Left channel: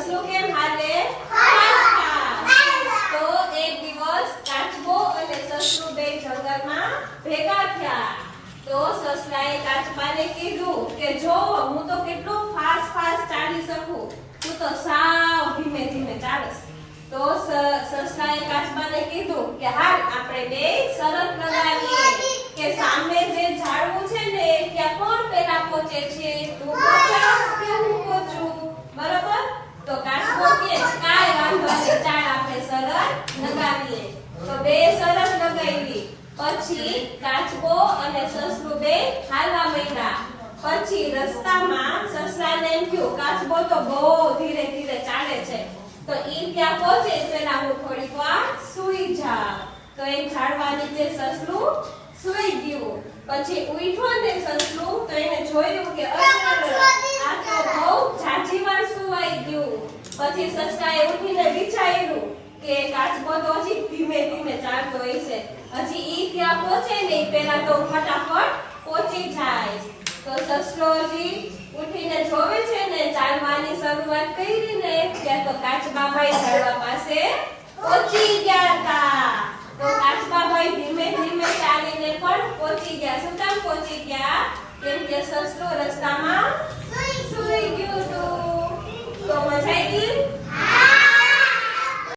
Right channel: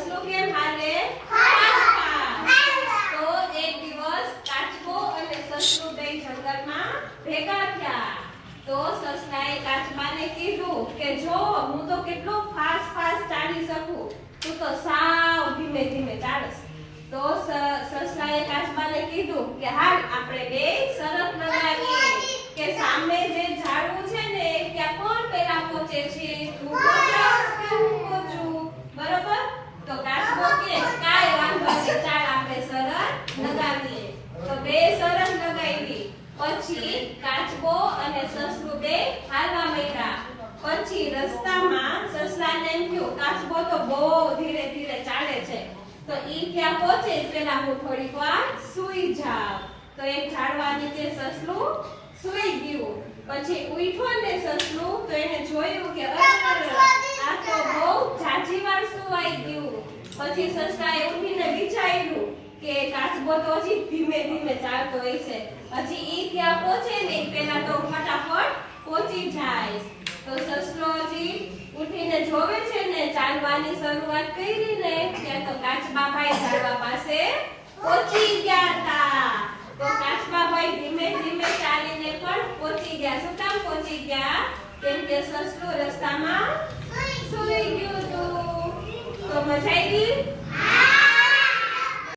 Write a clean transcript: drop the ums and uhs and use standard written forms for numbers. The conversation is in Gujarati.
સસલું કેમ હાલે ફાસ્ટ તો એક દિવસ કાચબો અને સસલું બે જંગલમાં ભેગા થયા તો સસલાએ કાચબાને કીધું કે જો હું તો કેટલો ફાસ્ટ ચાલી શકું તું તો સાવ ધીમે ધીમે ચાલસ તો સસલાએ કાચબાને કીધું કે હાલ આપણે બે શરત લગાવીએ કે સામે જે ઝાડવું છે ને ત્યાં કોણ પહેલા પહોંચે છે તું પહોંચાસ કે હું પહોંચું બરોબર તો કાચબો કે કાઈ વાંધો નહીં ચાલ આપણે શરત લગાવીએ તો બે શરત લગાવી પછી કાચબો અને સસલું બે હાલવા માંડ્યા પછી રસ્તામાં સસલાને એમ થયું કાચબો તો બહુ ધીરે ધીરે ચાલે છે તો ઈ ત્યાં પહોંચે પેલા હું થોડીક વાર સૂઈ જાઉં તો એક ઝાડવા નીચે સસલું સૂઈ ગયું પછી ઉઠ્યો ને સસલું તો એને જોયું કે આ તો બહુ ઝાઝી વાર સુવાઈ ગયું પછી સસલાએ ઉઠીને વિચાર્યું કે કાચબો તો હજી ધીમે ધીમે ચાલતો હશે હજી ઈ ત્યાં પહોંચે ને પેલા તો ફટાફટ પહોંચી જાય તો સસલો હજી ઉઠીને જોવે છે ને ચાલવાની શરૂઆત કરી ને ત્યાં તો કાચબાભાઈ ઝાડવા પાસે પહોંચી ગયા હતા